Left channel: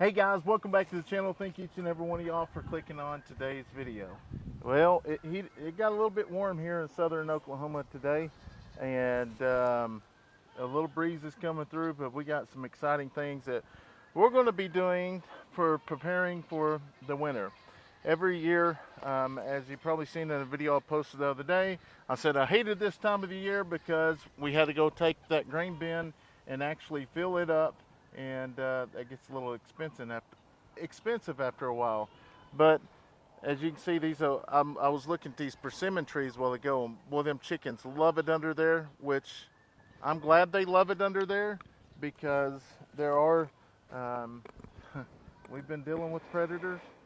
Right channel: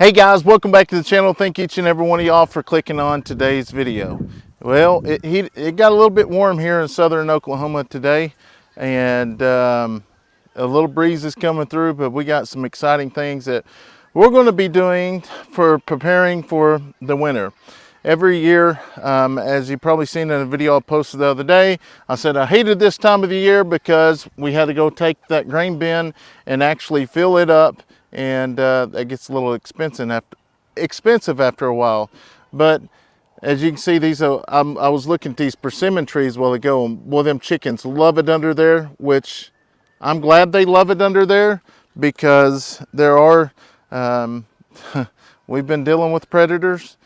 Hey guys, welcome back to the channel. Thank each and every one of y'all for clicking on today's video. Well, it got a little bit warm here in southern Oklahoma today, and a little breeze is coming through, but we got some exciting things that we're going to be doing for preparing for the winter. Every year, as you probably seen in a video I posted the other day, I said I hated this time of the year because we had to go take that grain bin and actually fill it up, and that gets a little expensive after a while. But as you can see, these I was looking at these persimmon trees a while ago, and well, them chickens love it under there, which I'm glad they love it under there, because there are we've been dealing with predators,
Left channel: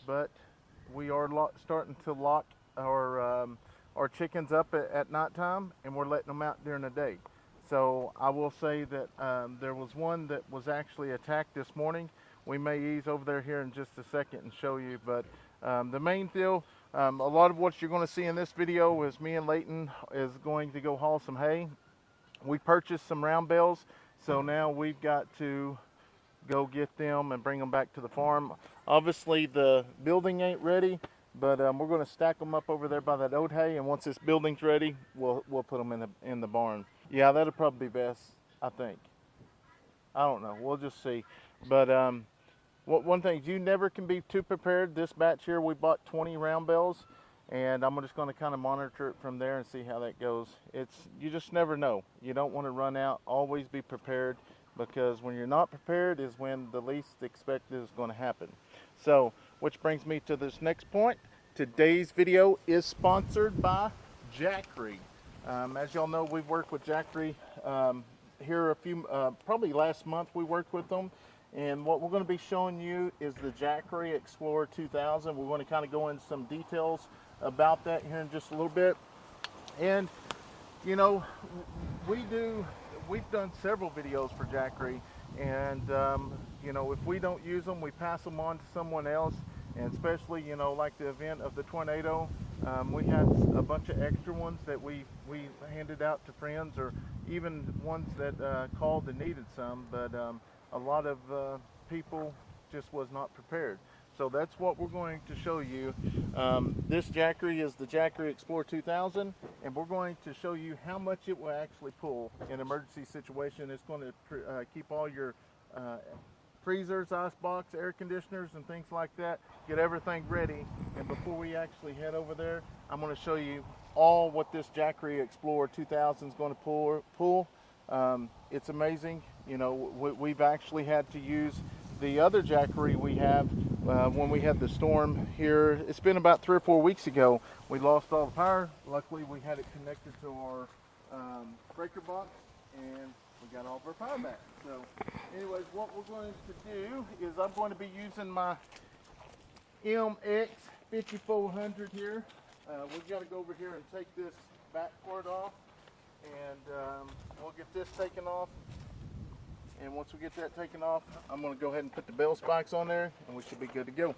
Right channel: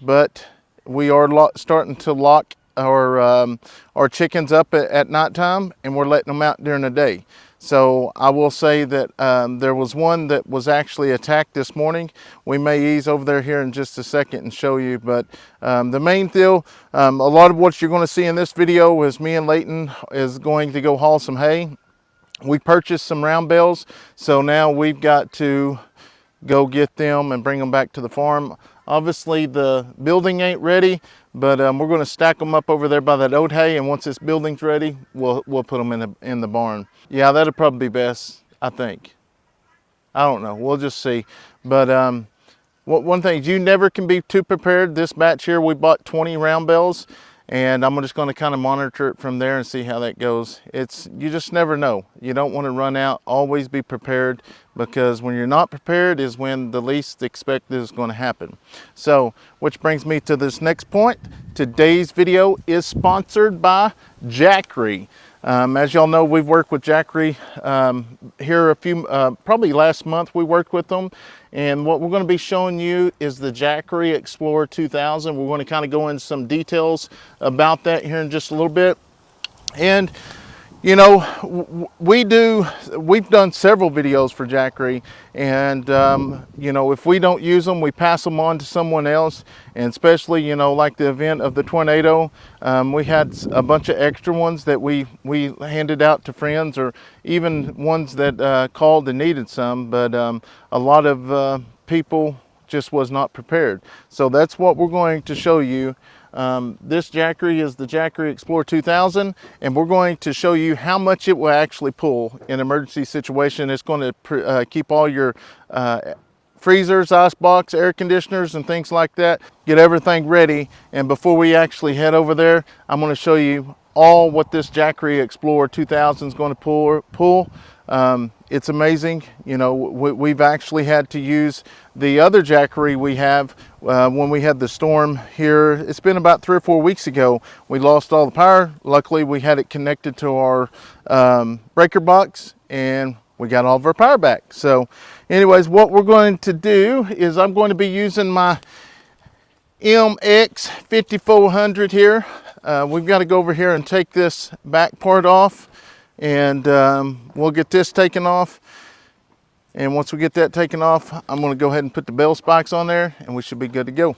but we are starting to lock our chickens up at nighttime, and we're letting them out during the day. So I will say that there was one that was actually attacked this morning. We may ease over there here in just a second and show you, but the main deal, a lot of what you're going to see in this video is me and Leighton is going to go haul some hay. We purchased some round bales, so now we've got to go get them and bring them back to the farm. Obviously the building ain't ready, but we're going to stack them up over there by that oat hay, and once this building's ready, we'll put them in the barn. Yeah, that'll probably be best, I think. I don't know, we'll just see. But one thing, you never can be too prepared. This batch here, we bought 20 round bales, and I'm just going to kind of monitor it from there and see how that goes. You just never know. You don't want to run out. Always be prepared, because when you're not prepared is when the least expected is going to happen. So, which brings me to this next point. Today's video is sponsored by Jackery. As y'all know, we've worked with Jackery here probably last month we worked with them. And what we're going to be showing you is the Jackery Explorer 2000. We're going to kind of go into some details about that here in just a little bit. And you know, we've done several videos for Jackery, and you know, if we don't use them, we pass them on to someone else. And especially, you know, like the event of the tornado, we had a bunch of extra ones that we handed out to friends, or even ones that called and needed some. But a lot of people just was not prepared. So that's what we're going to show you. This Jackery is the Jackery Explorer 2000, and we're going to show you how much it will actually pull in an emergency situation. It's going to keep all your freezers, ice box, air conditioners, and things like that. Get everything ready. And before we actually head over there, I'm going to show you all what this Jackery Explorer 2000 is going to pull. It's amazing. You know, we've actually had to use the other Jackery we have when we had the storm here. It's been about 3 or 4 weeks ago. We lost all the power. Luckily, we had it connected to our breaker box, and we got all of our power back. So anyways, what we're going to do is I'm going to be using my MX 5400 here. We've got to go over here and take this back part off, and we'll get this taken off. And once we get that taken off, I'm going to go ahead and put the bell spikes on there, and we should be good to go.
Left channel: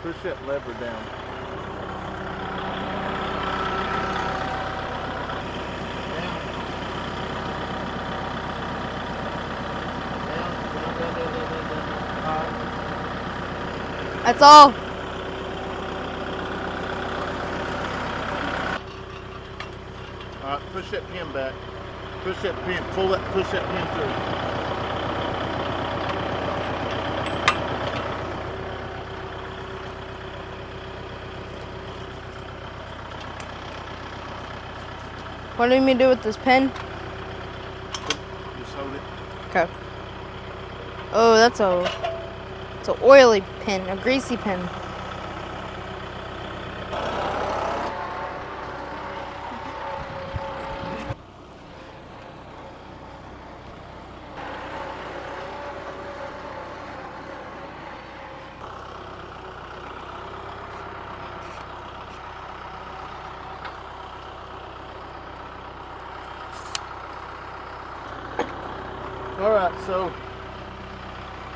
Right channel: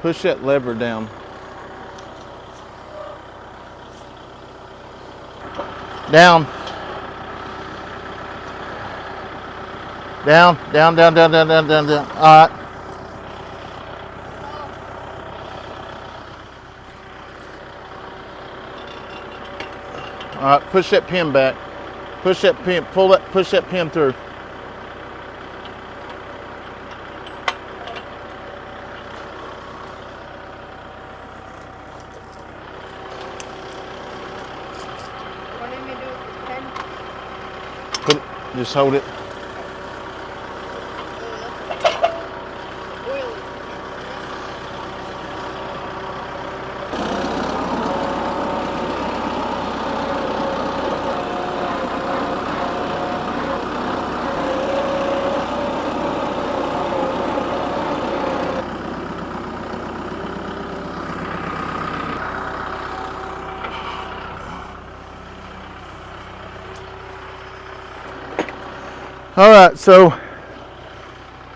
Push that lever down. Down. Down, down, down, down, down, down, down, down. All right. That's all. All right, push that pin back. Push that pin, push that pin through. What do you mean to do with this pen? Just hold it. Okay. Oh, it's an oily pen, a greasy pen. All right, so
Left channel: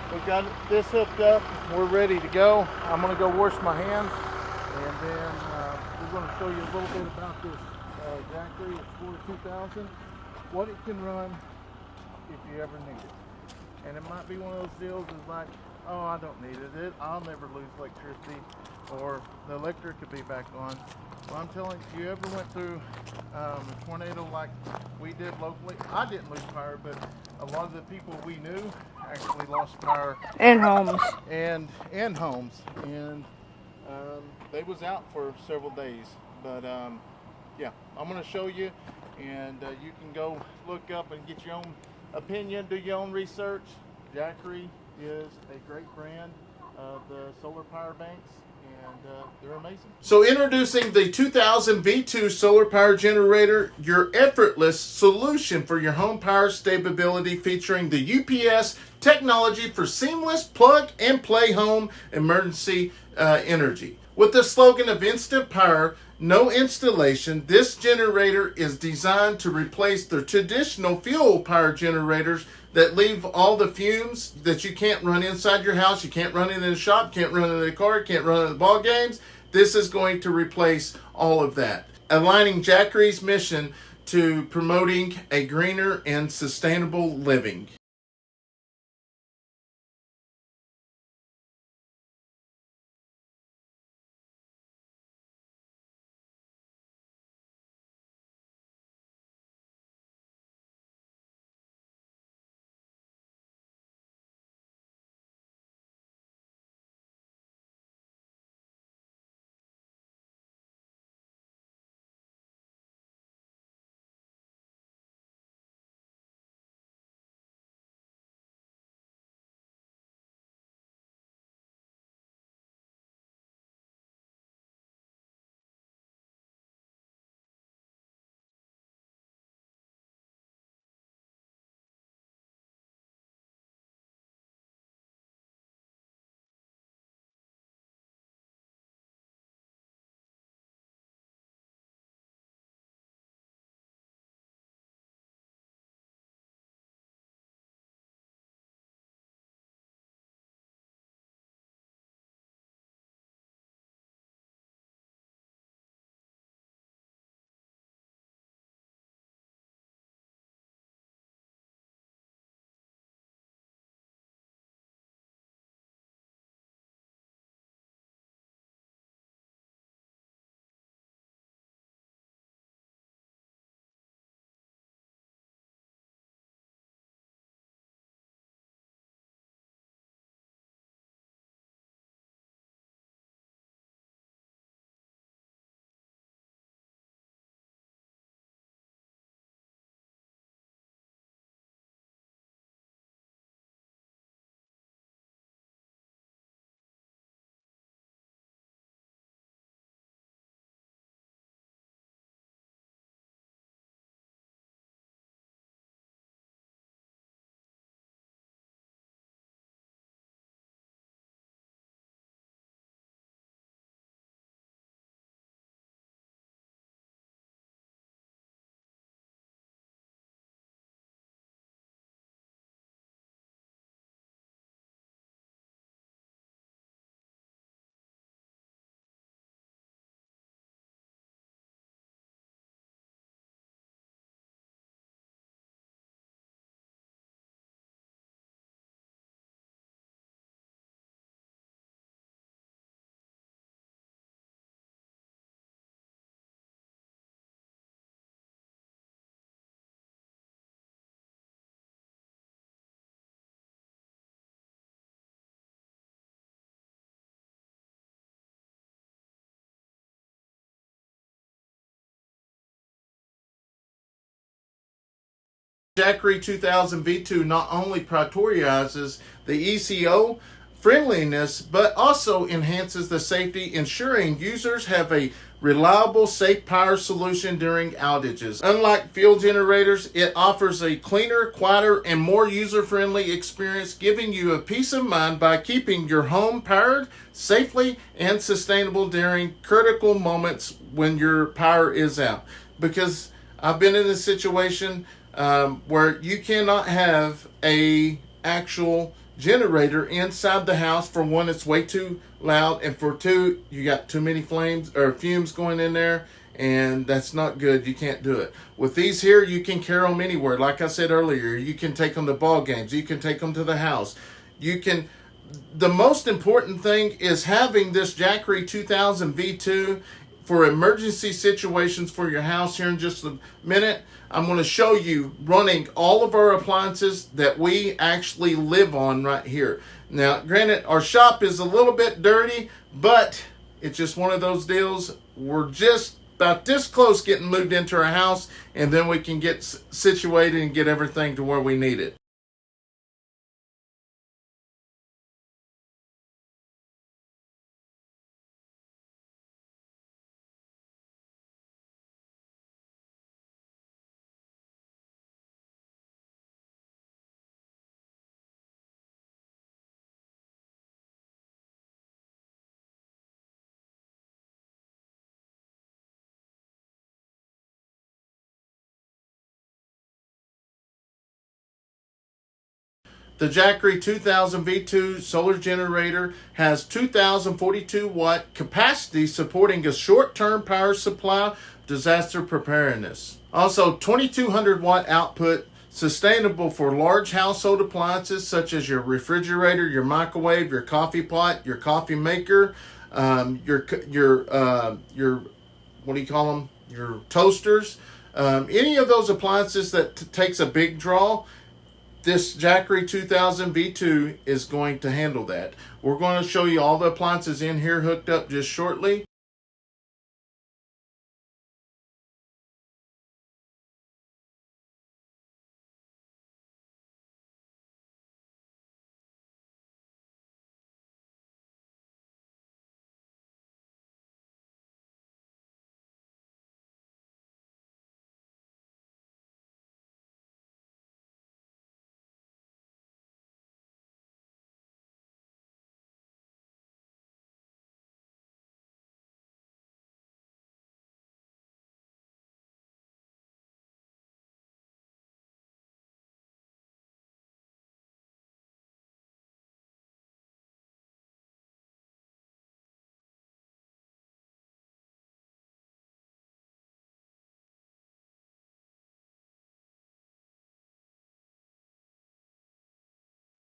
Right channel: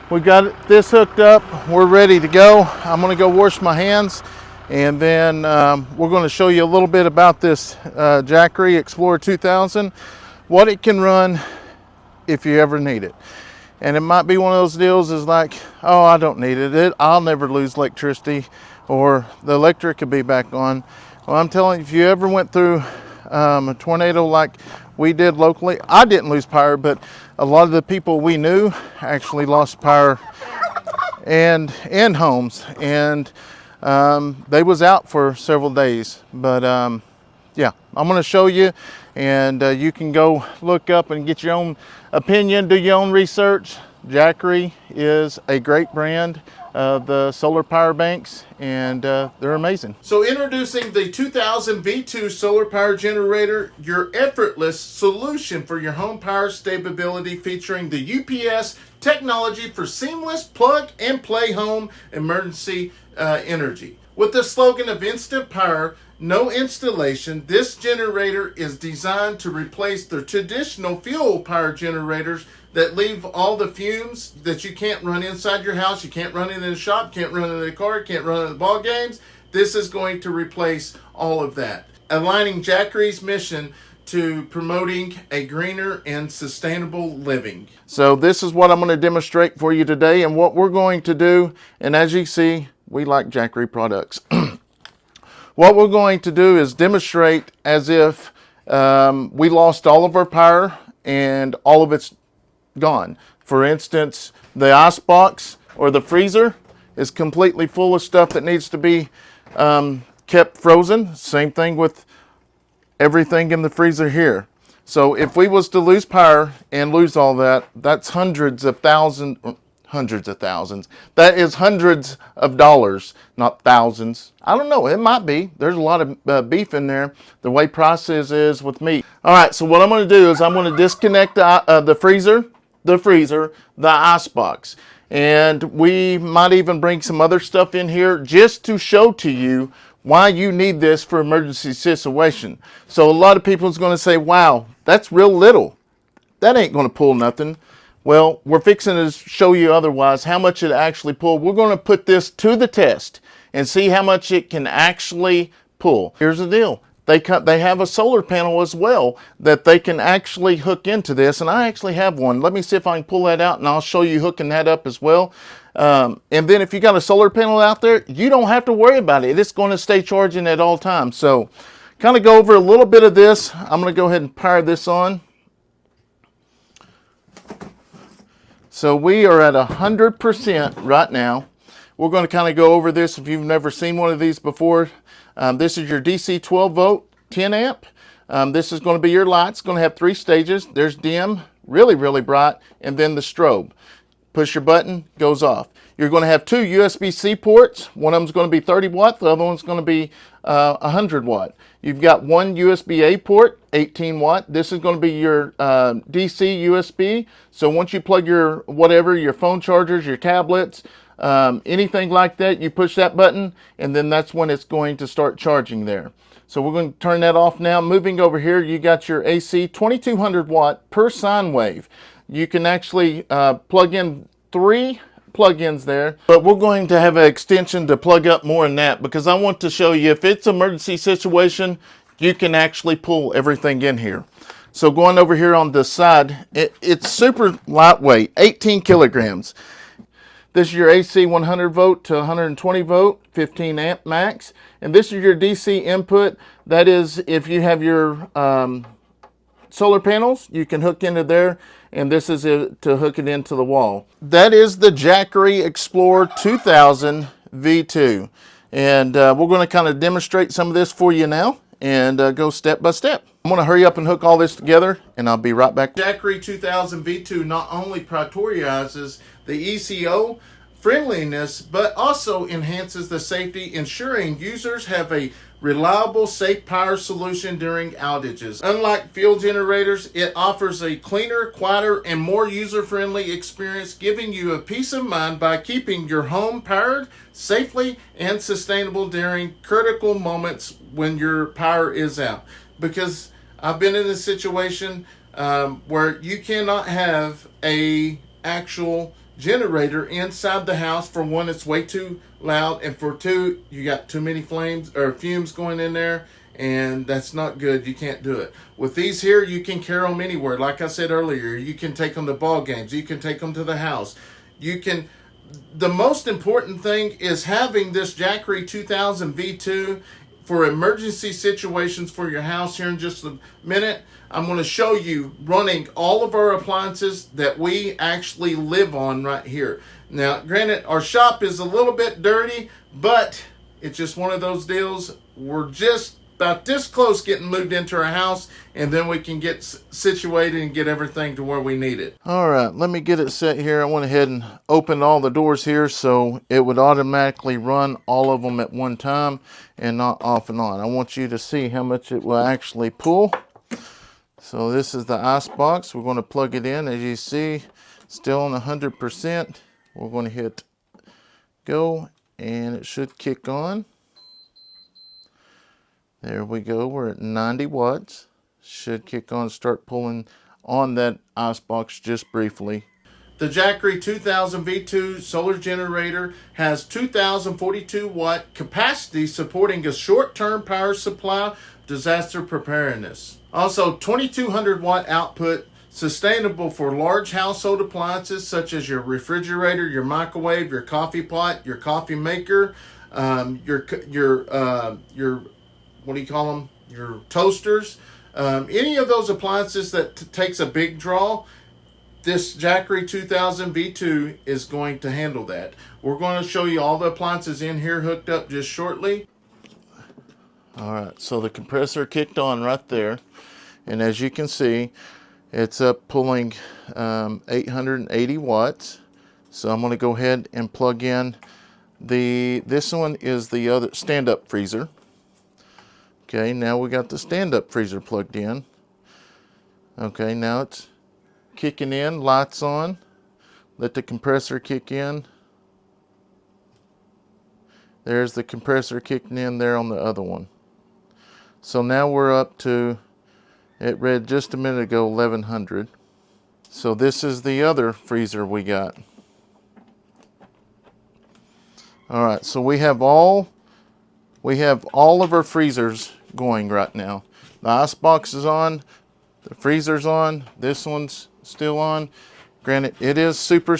we got this hooked up. We're ready to go. I'm gonna go wash my hands, and then we're gonna show you a little bit about this Jackery Explorer 2000, what it can run if you ever need it. And it might be one of those deals is like, oh, I don't need it. I'll never lose electricity, or the electric could be back on. Well, I'm telling you, if you ever went through a tornado like we did locally, I didn't lose power, but a lot of the people we knew actually lost power. And homes. And homes. And they was out for several days. But yeah, I'm gonna show you, and you can go look up and get your own opinion, do your own research. Jackery is a great brand of the solar power banks, and they're amazing. So introducing the 2000 V2 solar power generator, your effortless solution for your home power stability, featuring the UPS technology for seamless plug and play home emergency energy. With the slogan of instant power, no installation, this generator is designed to replace the traditional fuel power generators that leave all the fumes that you can't run inside your house, you can't run it in a shop, can't run it in a car, can't run it in ball games. This is going to replace all of that, aligning Jackery's mission to promoting a greener and sustainable living. So this is what I'm going to demonstrate for you today, and what we're going to do, and as you see, we like Jackery products. What we're going to do is demonstrate as if we lost all of our power and all of it's gone. For instance, the ice box or the freezer is completely full of stuff that needs to be kept frozen. Same thing with everything in the freezer here. So if we was to lose power and lose all that, that's hundreds of thousands. That is hundreds of dollars, not thousands. I don't know, it might be. There's a lot of beef in there, the way prices is with meat. All right, so what I'm gonna do is I'm gonna disconnect the freezer, the ice box. And we might even bring some other stuff in here just to show to you why you need this for emergency situation. So a lot of people is gonna say, wow, that's real little. That ain't gonna pull nothing. Well, we're fixing to show you otherwise how much it actually pulled. We're going to put this to the test and see how much it can actually pull. Here's the deal. They have a solar panel as well that they can actually hook into this, and I actually have one. Let me see if I can pull that out, and I'll show you hooking that up as well. And then if you got a solar panel out there, you don't have to worry about it. It's going to stay charging at all times. So kind of go over a little bit of this. I'm going to go ahead and power this on. So we are at 100% right now. We're going to kind of go over this if you've never seen one of these before. This is your DC 12 volt, 10 amp. This is going to be your light. It's going to have 3 stages. There's dim, really, really bright, and then the strobe. Push your button, goes off. You're going to have 2 USB-C ports. One of them is going to be 30 watt. The other one's going to be 100 watt. You've got 1 USB-A port, 18 watt. This is going to be your DC USB. So once you plug your whatever, your phone chargers, your tablets, anything like that, you push that button, and then that's when it's going to start charging there. So we're going to turn that off now. Moving over here, you got your AC 2200 watt per sine wave. You can actually plug in 3 plug-ins there, but we're going to have an extension to plug up more than that, because I want to show you if it's an emergency situation, you can actually pull everything in here. So going over here on this side, it's super lightweight, 18 kilograms. This is your AC 100 volt to 120 volt, 15 amp max. And this is your DC input. That is, if you have your solar panels, you can hook into there. And this is it to hook it into the wall. That is the Jackery Explorer 2000 V2. And we're going to kind of demonstrate some of this for you now and go step by step. I'm going to hurry up and hook all this together, and I'll be right back. Jackery 2000 V2 not only prioritizes the ECO friendliness, but also enhances the safety, ensuring users have a reliable, safe power solution during outages. Unlike fuel generators, it offers a cleaner, quieter, and more user-friendly experience, giving you a peace of mind by keeping your home powered safely and sustainable during critical moments when your power is out. Because I've been in a situation where you cannot have a actual generator inside the house. For one, it's way too loud, and for two, you got too many flames or fumes going in there, and that's not good. You can't do it. With these here, you can carry them anywhere. Like I said earlier, you can take them to ball games. You can take them to the house. You can. The most important thing is having this Jackery 2000 V2 for emergency situations for your house. Here in just a minute, I'm going to show you running all of our appliances that we actually live on right here. Now, granted, our shop is a little bit dirty, but it's just one of those deals. We're just about this close getting moved into our house, and then we can get situated and get everything to where we need it. All right, let me get it set here. I went ahead and opened all the doors here so it would automatically run all of them at one time and not off and on. I want you to see how much it will actually pull. So this is the ice box. We're going to plug it in. As you see, still on 100%. We're going to hit go, and it should kick on. There we go, we're at 90 watts. Should kick on, start pulling on that ice box just briefly. The Jackery 2000 V2 solar generator has 2,042 watt capacity, supporting a short-term power supply, disaster preparedness. Also 2,200 watt output, sustainable for large household appliances such as your refrigerator, your microwave, your coffee pot, your coffee maker, your what do you call them? Your toasters. Any of those appliances that takes a big draw, this Jackery 2000 V2 is going to handle that. We're going to show you all the appliances in here hooked up just shortly. All right, so the compressor kicked on right there. And as you can see, it's up pulling 880 watts. So I'm going to go ahead and plug in this one is the other stand-up freezer. Okay, now we got the stand-up freezer plugged in. Okay, now it's kicking in, lights on. Let the compressor kick in. There's the compressor kicking in there on the other one. So now we're up to, it read just a minute ago, 1100. So this is the other freezer we got. All right, so we have all of our freezers going right now. The ice box is on, the freezer's on, this one's still on. Granted, it is super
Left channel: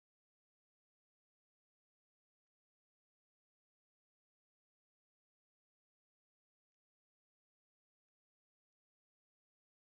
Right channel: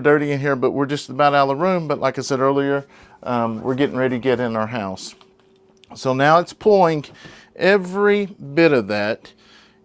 dirty in here, but we're just about out of the room. But like I said earlier, we're getting ready to get in our house. So now it's pulling every bit of that.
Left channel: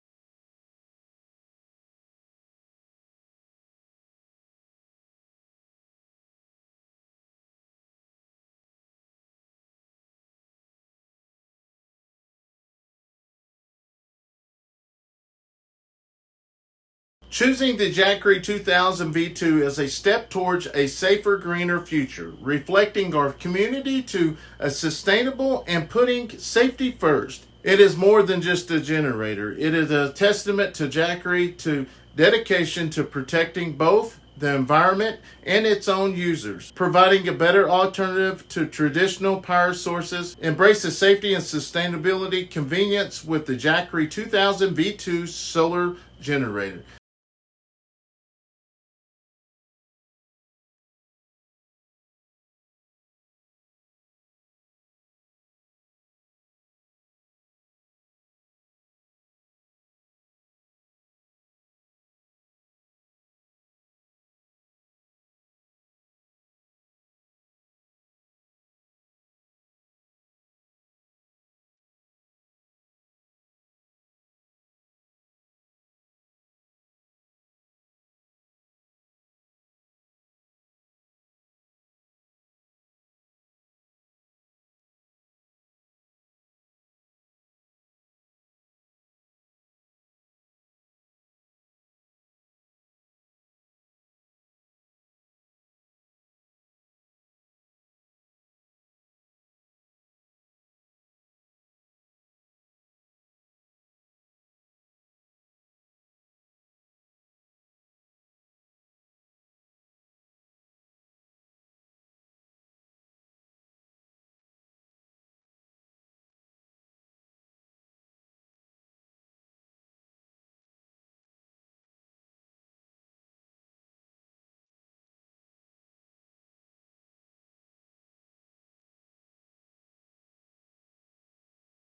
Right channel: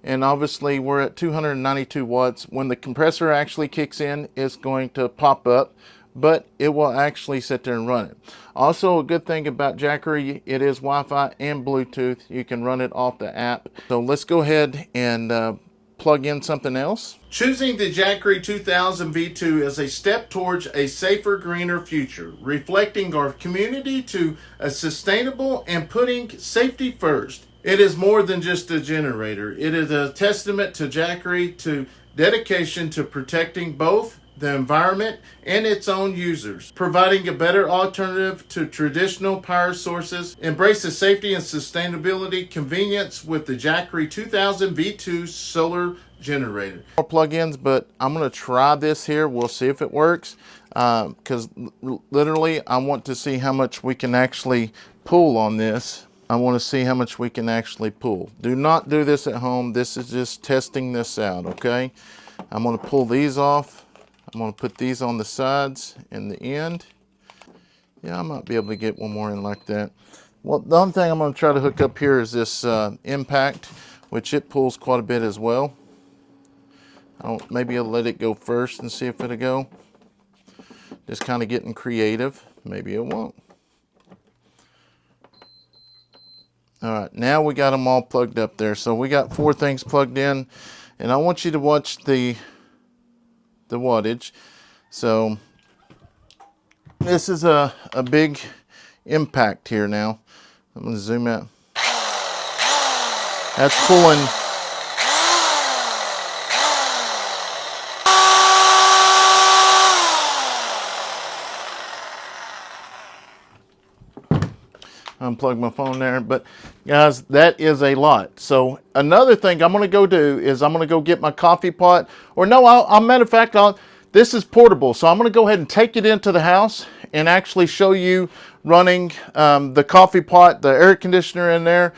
And obviously we're at 292 watts. When the compressor actually kicks in, it's going to pop up, but it will actually sit there and run it. Also, a good thing about Jackery, it is Wi-Fi and Bluetooth. You can run it off the app. So let's go ahead and plug in something else. Choosing the Jackery 2000 V2 is a step towards a safer, greener future, reflecting our community to a sustainable and putting safety first. It is more than just a generator. It is a testament to Jackery, to dedication to protecting both the environment and its own users, providing a better alternative to traditional power sources, embraces safety and sustainability convenience with the Jackery 2000 V2 solar generator. More plugins, but I'm going to try this here. We'll see if it works, because literally I want to see how much we can actually pull on this. I want to see how much we can actually pull. Do not do this at home. This is just testing this out, okay? I'm going to pull these off. I'm going to put these on the sides and the end. Yeah, I might be able to get one more in like that. Well, the only thing I'm going to try to hook up here is this impact, which it pulls quite a bit as well. Maybe I'll let it go first and see if it'll go. Just kind of getting creative. Maybe it won't. All right, now we got them all plugged up there. So we got 4 things plugged in, and I want you to watch the wattage. So this is a big impact here now. I'm going to zoom out. That's pulling. unplug my phone there. But guys, that is a lot. So another thing I'm gonna go do is I'm gonna go get my coffee pot, or no, matter of fact, this is portable. So I'm gonna go ahead and take it into the house and actually show you running the coffee pot, the air conditioner in there.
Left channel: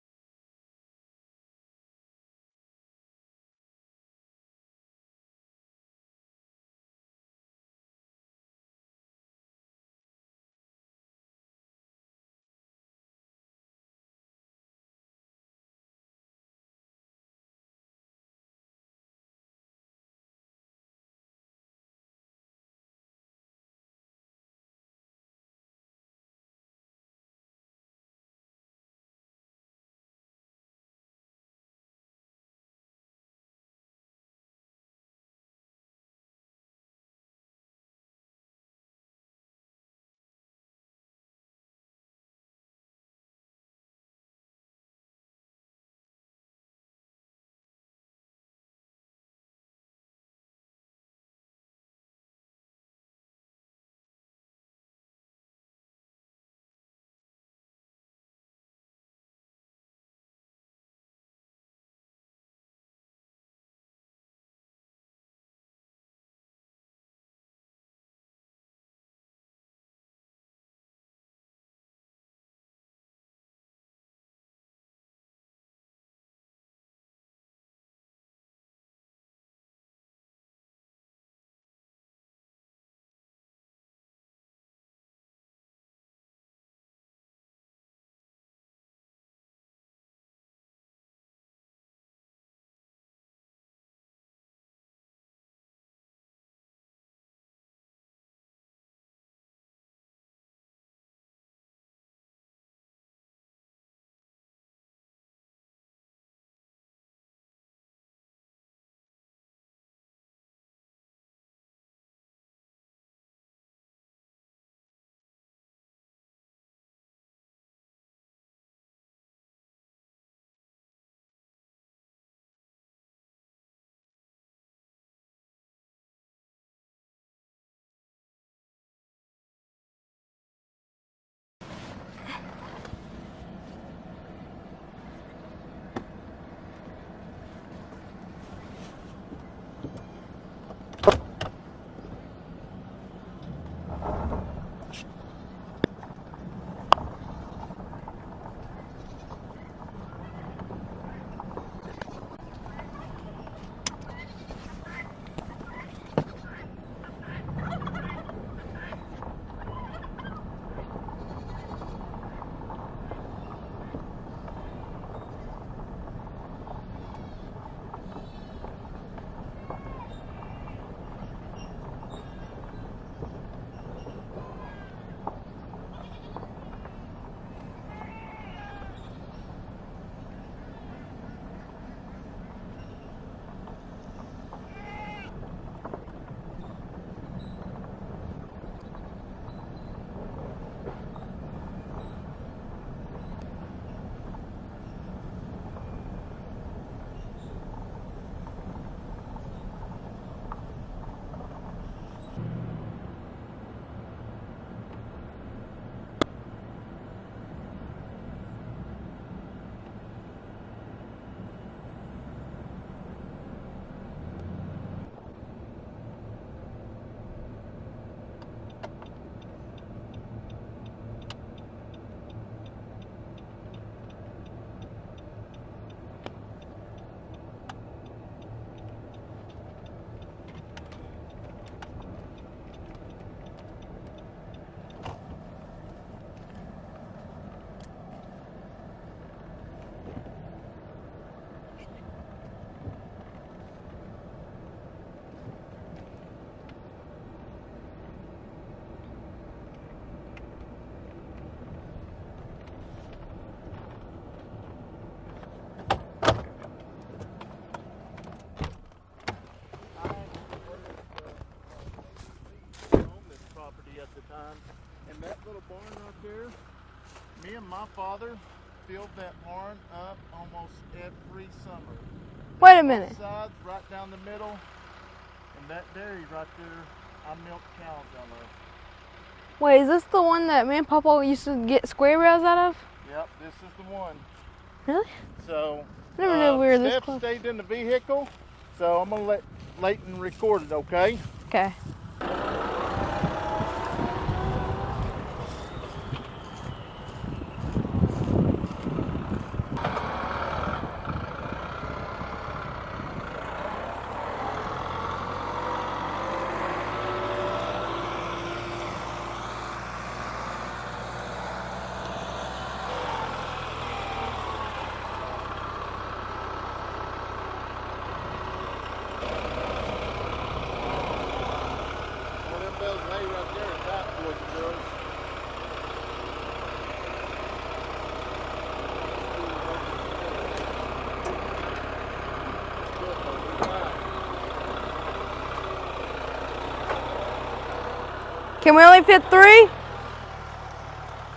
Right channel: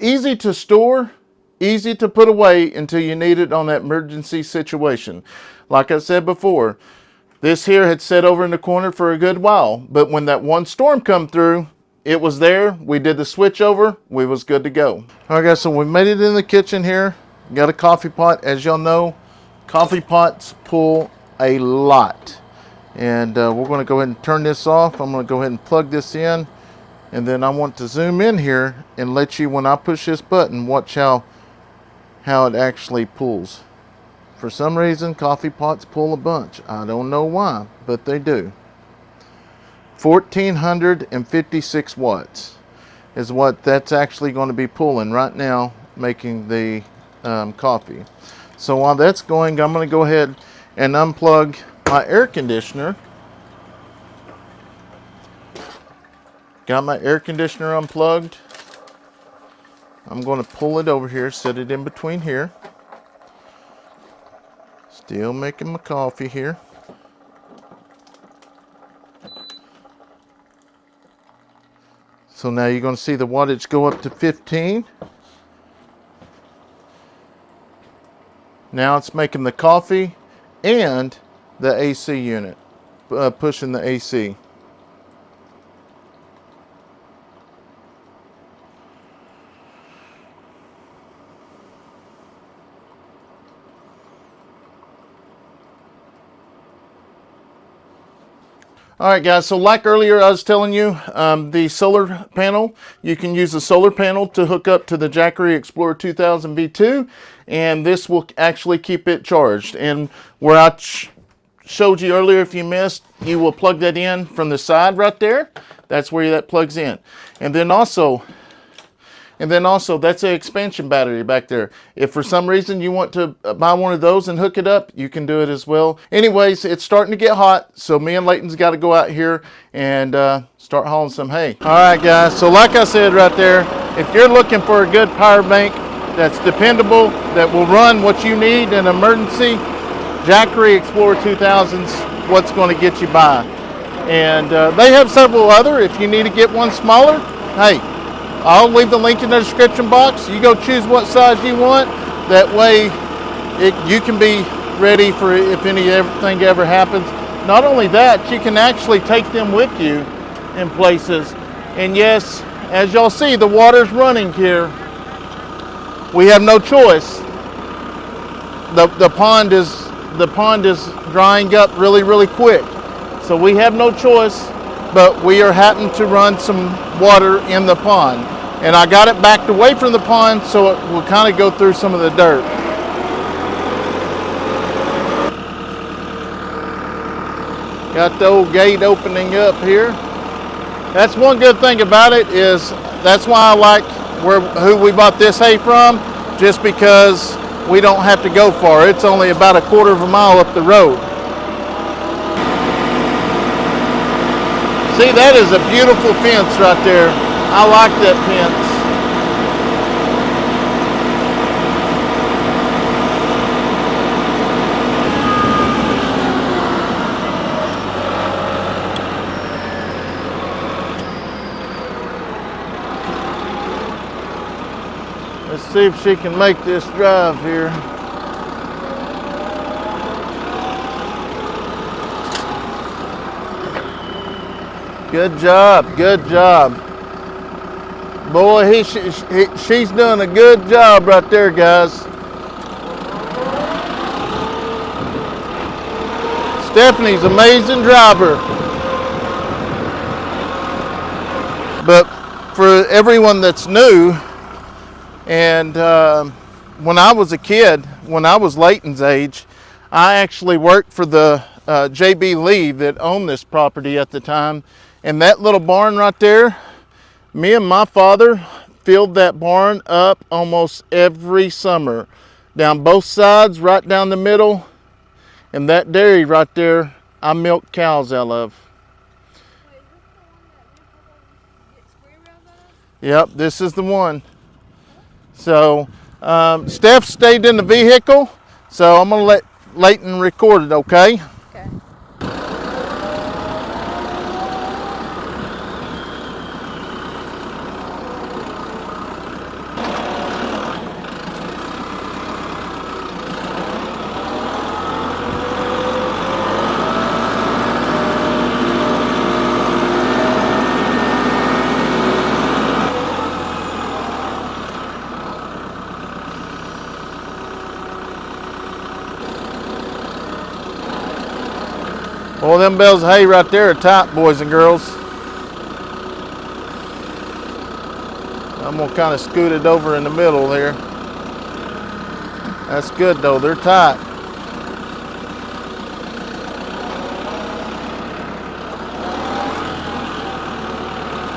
Easy to store, easy to put away until you need it on that emergency situation. Like I said before, this here had sat over in the corner for a good while, but when that one storm come through, it was there. We did the switch over, we was good to go. All right guys, so we made it in the kitchen here. Got a coffee pot. As y'all know, coffee pots pull a lot. And we're gonna go ahead and turn this off. I'm gonna go ahead and plug this in. And then I want to zoom in here and let you, when I push this button, watch how it actually pulls. For some reason, coffee pots pull a bunch. I don't know why, but they do. 1,456 watts is what that's actually going to be pulling right now, making the coffee. So while that's going, I'm going to go ahead and unplug my air conditioner. Got my air conditioner unplugged. I'm going to pull it over here, set it in between here. Still making my coffee here. So now you're going to see the wattage go up to 15. Now it's making the coffee and the AC unit, pushing the AC. All right guys, so like earlier I was telling you, the solar panel, you can use the solar panel to hook up to the Jackery Explorer 2000 V2, and this will actually keep it charged. And where I showed you earlier, if you missed, you will plug that in from the side right there. That's where that plugs in. And then also that's an expansion battery back there. If for some reason you want to buy one of those and hook it up, you can do it as well. Anyways, it's starting to get hot, so me and Leighton's got to go out here and start hauling some hay. All right, guys, so like I said right there, if you're looking for a good power bank that's dependable, that will run what you need in an emergency, Jackery Explorer 2000's what's going to get you by. And they have several other. If you need to get one smaller, hey, I'll leave the link in the description box. You go choose what size you want. That way you can be ready for if anything ever happens. Not only that, you can actually take them with you in places. And yes, as y'all see, the water's running here. We have no choice. The pond is drying up really, really quick. So we have no choice, but we are happening to run some water in the pond. And I got it backed away from the pond so it will kind of go through some of the dirt. Got the old gate opening up here. That's one good thing about it, is that's why I like who we bought this hay from, just because we don't have to go far. It's only about 1/4 mile up the road. See, that is a beautiful fence right there. I like that fence. Let's see if she can make this drive here. Good job, good job. Boy, she's done a good job right there, guys. Stephanie's an amazing driver. But for everyone that's new, and when I was a kid, when I was Leighton's age, I actually worked for the J.B. Lee that owned this property at the time. And that little barn right there, me and my father filled that barn up almost every summer. Down both sides, right down the middle. And that dairy right there, I milk cows out of. Wait, is this the one that me and Papa used to get square rails out of? Yep, this is the one. Really? So I never knew we were this Steph close. stayed in the vehicle, so I'm gonna let Leighton record it, okay? Okay. Well, them bales of hay right there are tight, boys and girls. I'm gonna kind of scoot it over in the middle there. That's good though, they're tight. Can we only fit 3?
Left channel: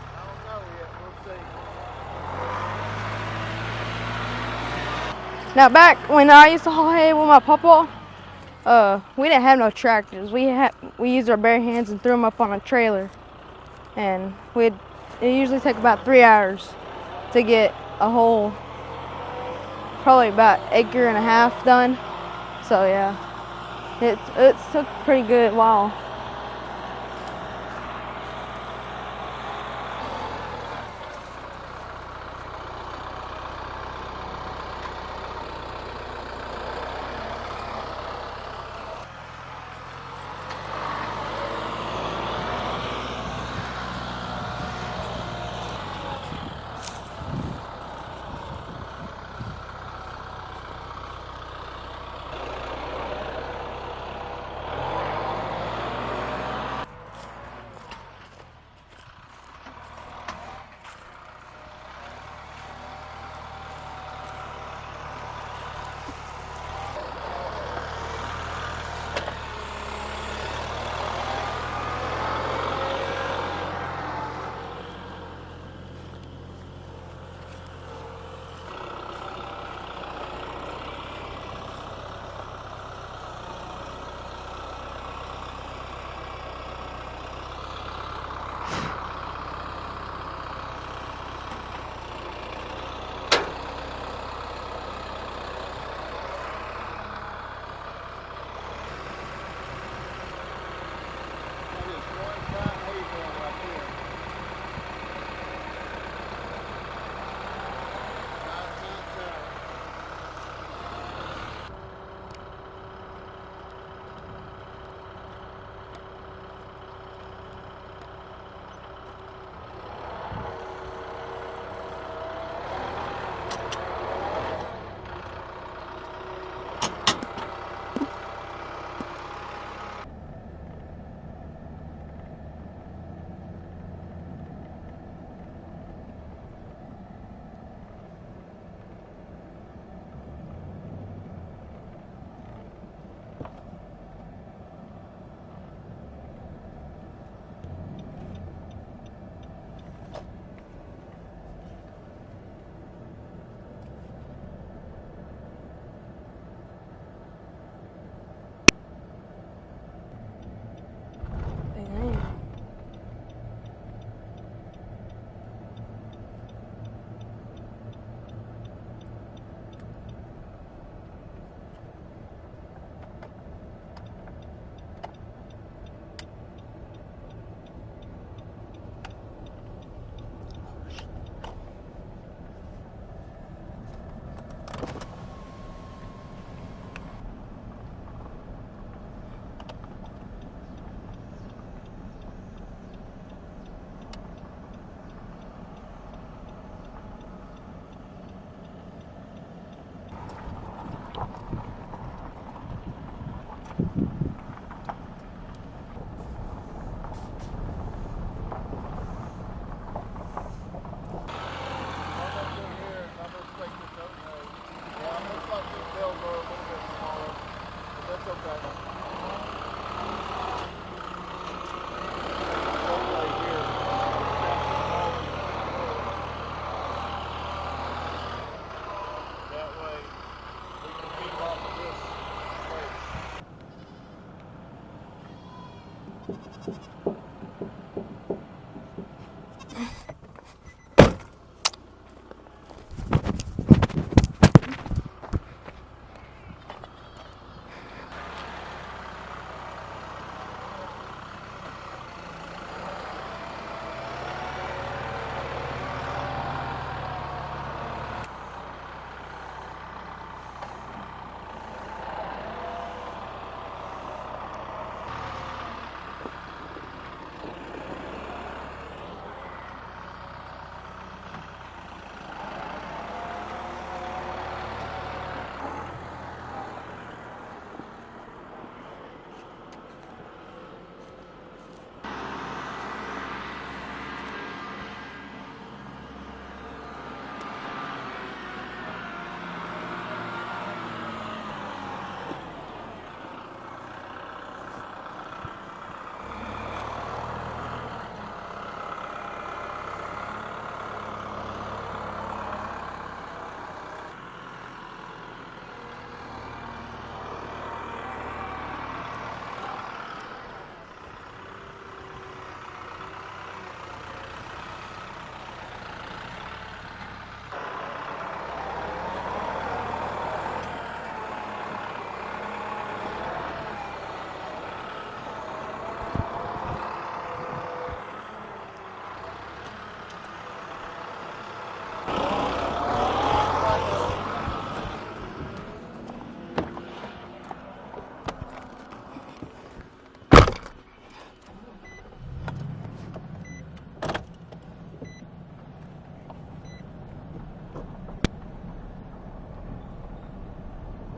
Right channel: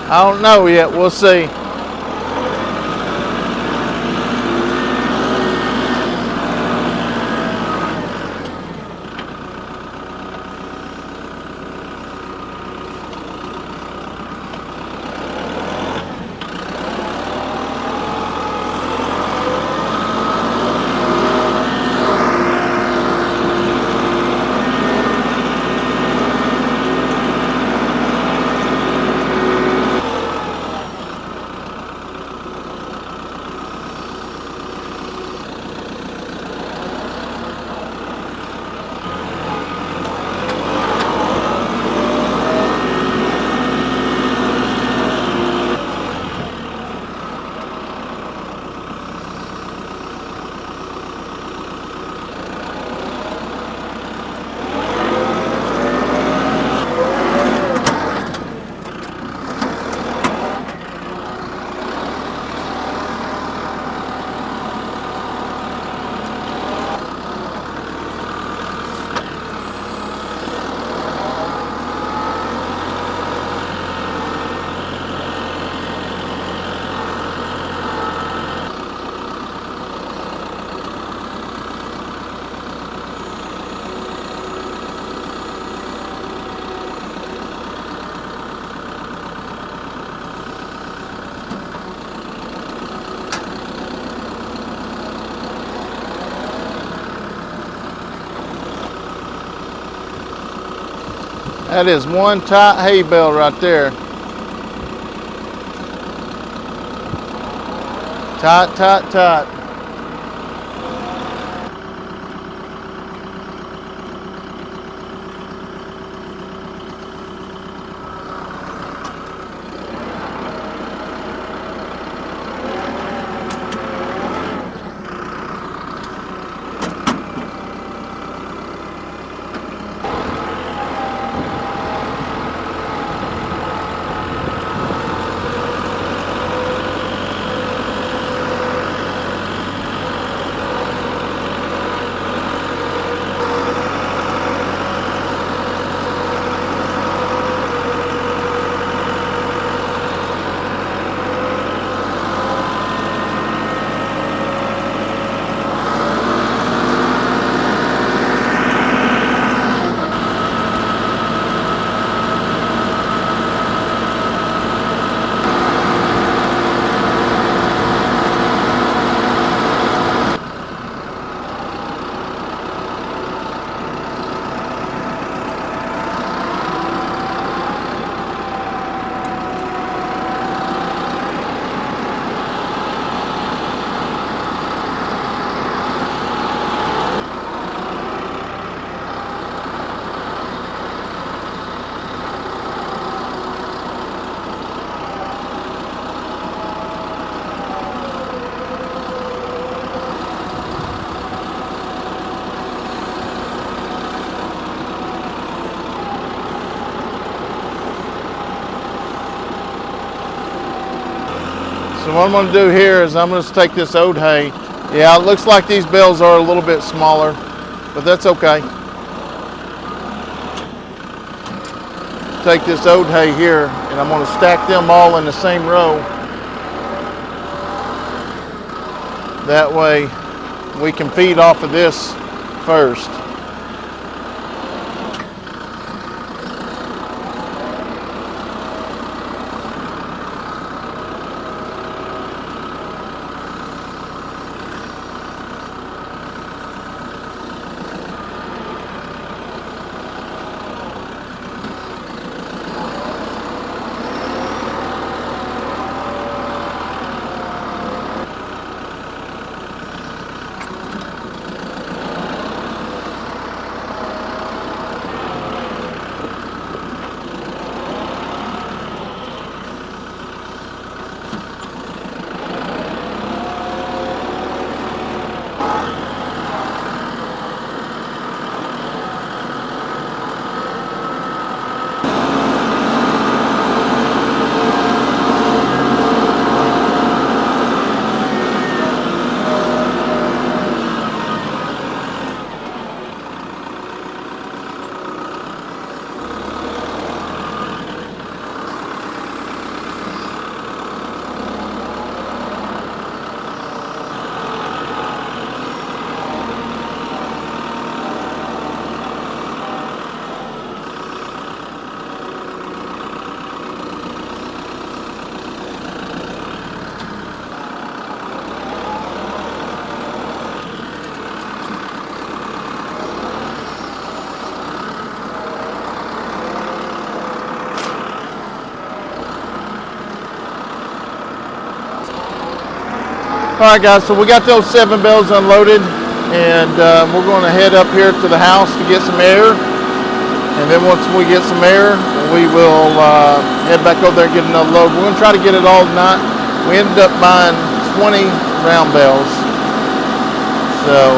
I don't know yet, we'll see. Now back when I used to haul hay with my Papa, we didn't have no tractors. We used our bare hands and threw them up on a trailer. And it usually took about 3 hours to get a whole, probably about 1.5 acres done. So yeah, it was pretty good long. That is one tight hay bale right there. Tight, tight, tight. So what I'm going to do here is I'm going to take this oat hay. Yeah, it looks like these bales are a little bit smaller, but that's okay. Take this oat hay here, and I'm going to stack them all in the same row. That way we can feed off of this first. All right, guys, so we got those 7 bales unloaded, and we're going to head up here to the house to get some air. And then once we get some air, we will head back over there and get another load. We're going to try to get it all tonight. We ended up buying 20 round bales. So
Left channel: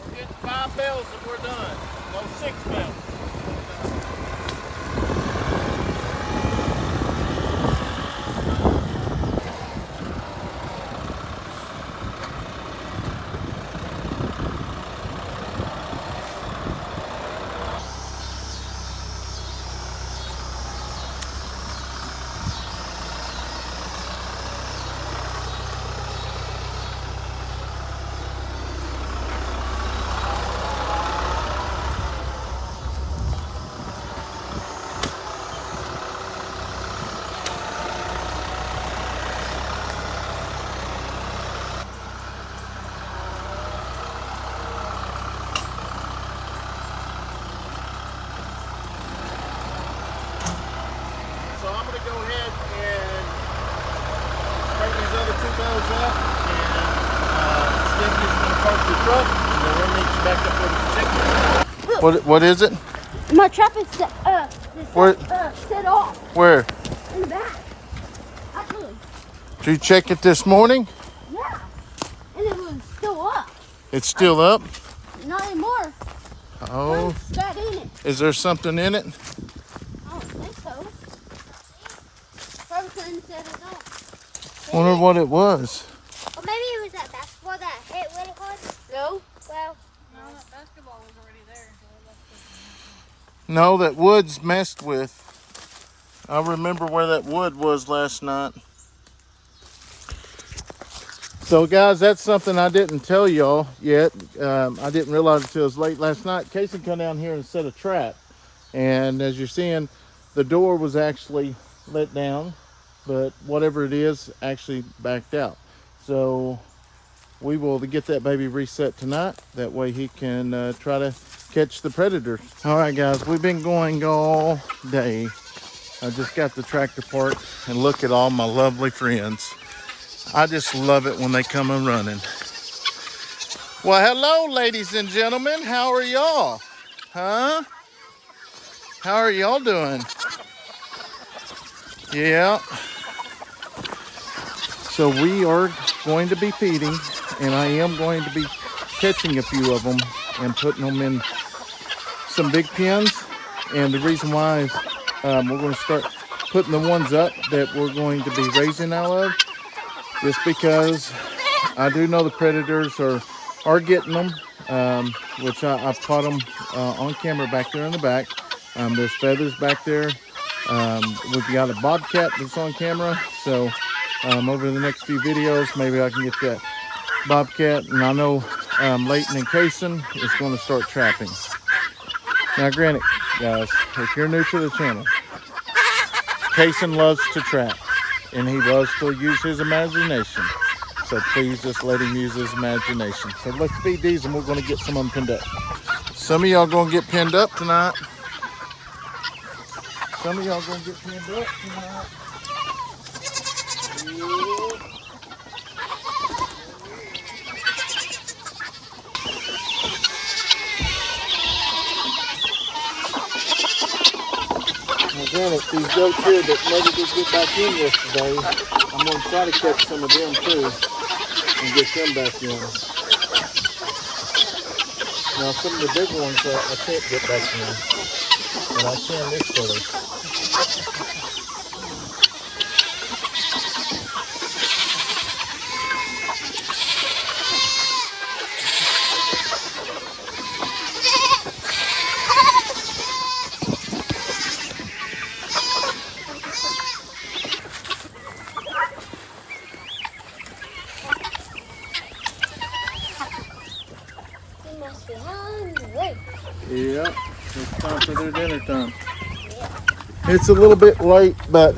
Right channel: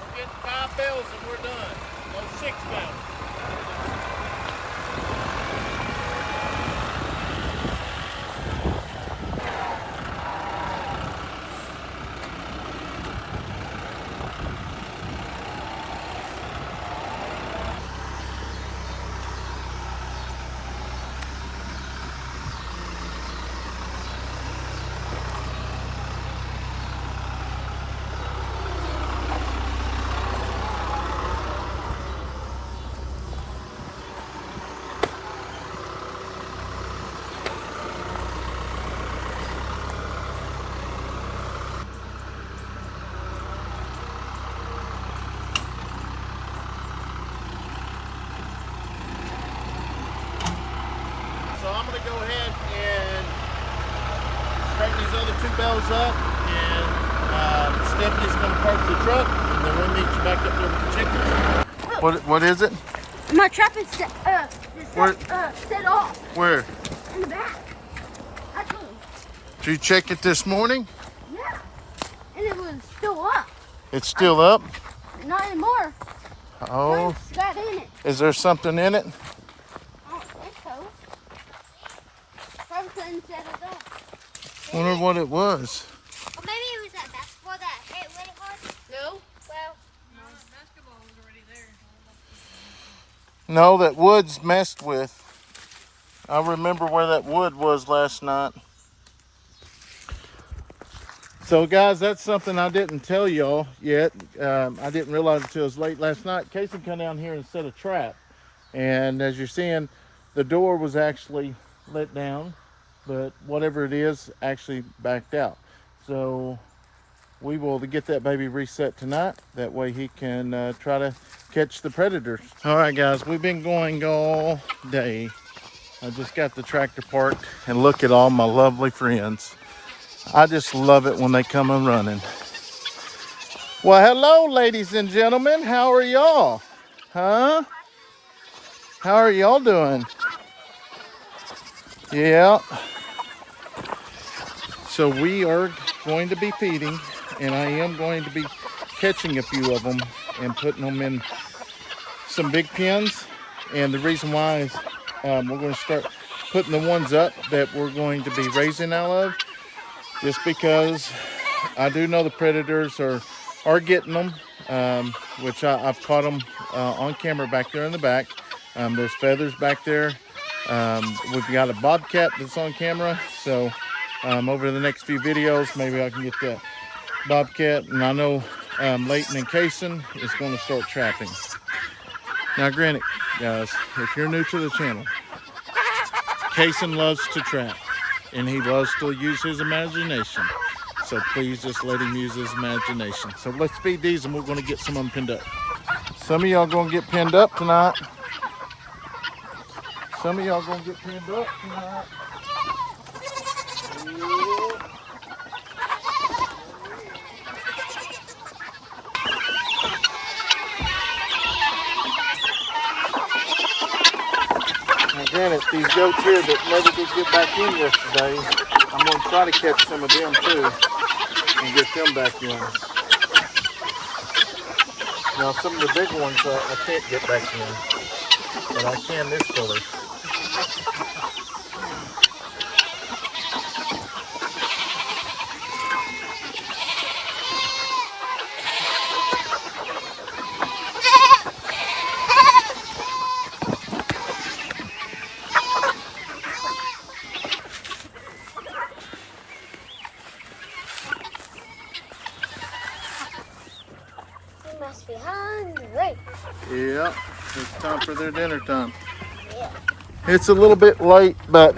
we're getting 5 bales and we're done. Or 6 bales. So I'm going to go ahead and straighten these other 2 bales up, and Stephanie's going to park the truck, and then we'll meet you back up there with the chicken. What is it? My truck is set off Where? in the back. I told him. Did you check it this morning? Yeah. And it was still up. It's still up? Not anymore. Oh. There's that in it. Is there something in it? I don't think so. Probably couldn't set it off. Wonder what it was. Or maybe it was that basketball that hit what it was. No. Well, No, that basketball was already there. No, that wood's messed with. I remember where that wood was last night. So guys, that's something I didn't tell y'all yet. I didn't realize until it was late last night. Kayson come down here and set a trap. And as you're seeing, the door was actually let down, but whatever it is actually backed out. So we will get that baby reset tonight. That way he can try to catch the predators. All right, guys, we've been going all day. I just got the tractor parked, and look at all my lovely friends. I just love it when they come and running. Well, hello, ladies and gentlemen. How are y'all? Huh? How are y'all doing? Yeah. So we are going to be feeding, and I am going to be catching a few of them and putting them in some big pens. And the reason why is we're going to start putting the ones up that we're going to be raising out of, just because I do know the predators are getting them, which I've caught them on camera back there in the back. There's feathers back there. We've got a bobcat that's on camera, so over the next few videos, maybe I can get that bobcat. And I know Leighton and Kayson is going to start trapping. Now, granted, guys, if you're new to the channel, Kayson loves to trap, and he loves to use his imagination. So please just let him use his imagination. So let's feed these, and we're going to get some of them pinned up. Some of y'all going to get pinned up tonight. Some of y'all going to get pinned up tonight. Now granted, these goats here that never did get back in yesterday, I'm going to try to catch some of them too and get them back in. Now some of the big ones I can't get back in, but I can this filler. You must be hungry. Yeah, it's time for their dinner time. It's a little bit late, but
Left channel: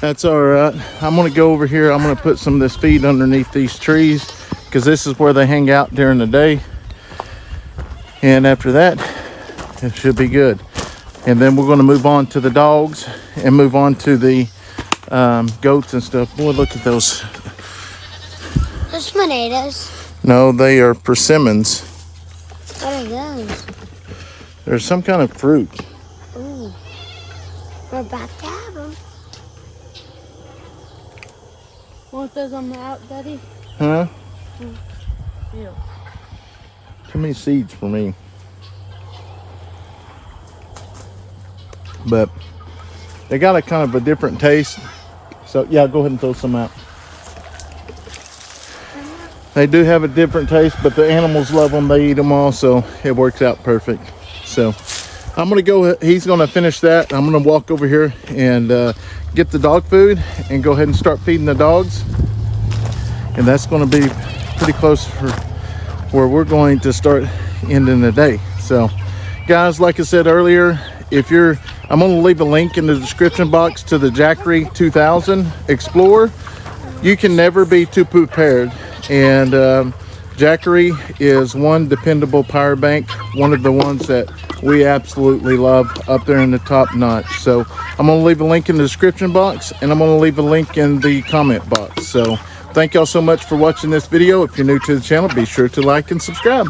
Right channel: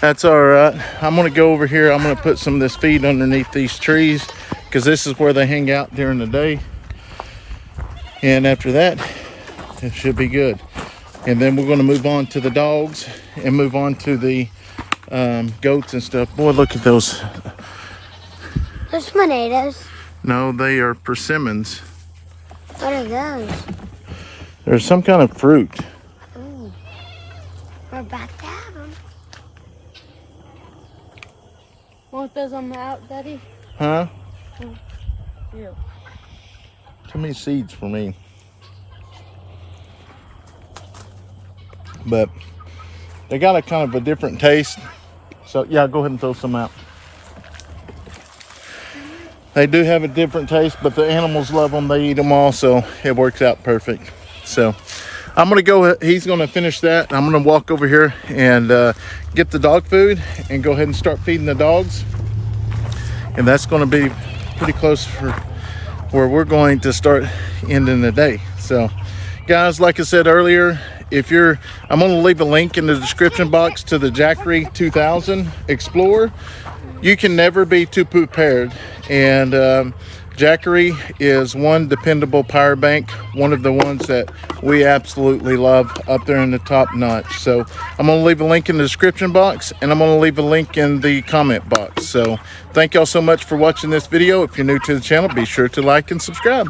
that's all right. I'm gonna go over here. I'm gonna put some of this feed underneath these trees because this is where they hang out during the day. And after that, it should be good. And then we're gonna move on to the dogs and move on to the goats and stuff. Boy, look at those. Those tomatoes. No, they are persimmons. What are those? There's some kind of fruit. Ooh. We're about to have them. Want those on the out, Daddy? Huh? Yeah. Too many seeds for me. But they got a kind of a different taste. So yeah, go ahead and throw some out. They do have a different taste, but the animals love them. They eat them all, so it works out perfect. So I'm gonna go, he's gonna finish that. I'm gonna walk over here and get the dog food and go ahead and start feeding the dogs. And that's gonna be pretty close for where we're going to start ending the day. So guys, like I said earlier, I'm gonna leave a link in the description box to the Jackery 2000 Explorer. You can never be too prepared. And Jackery is one dependable power bank, one of the ones that we absolutely love, up there in the top notch. So I'm gonna leave a link in the description box, and I'm gonna leave a link in the comment box. So thank y'all so much for watching this video. If you're new to the channel, be sure to like and subscribe.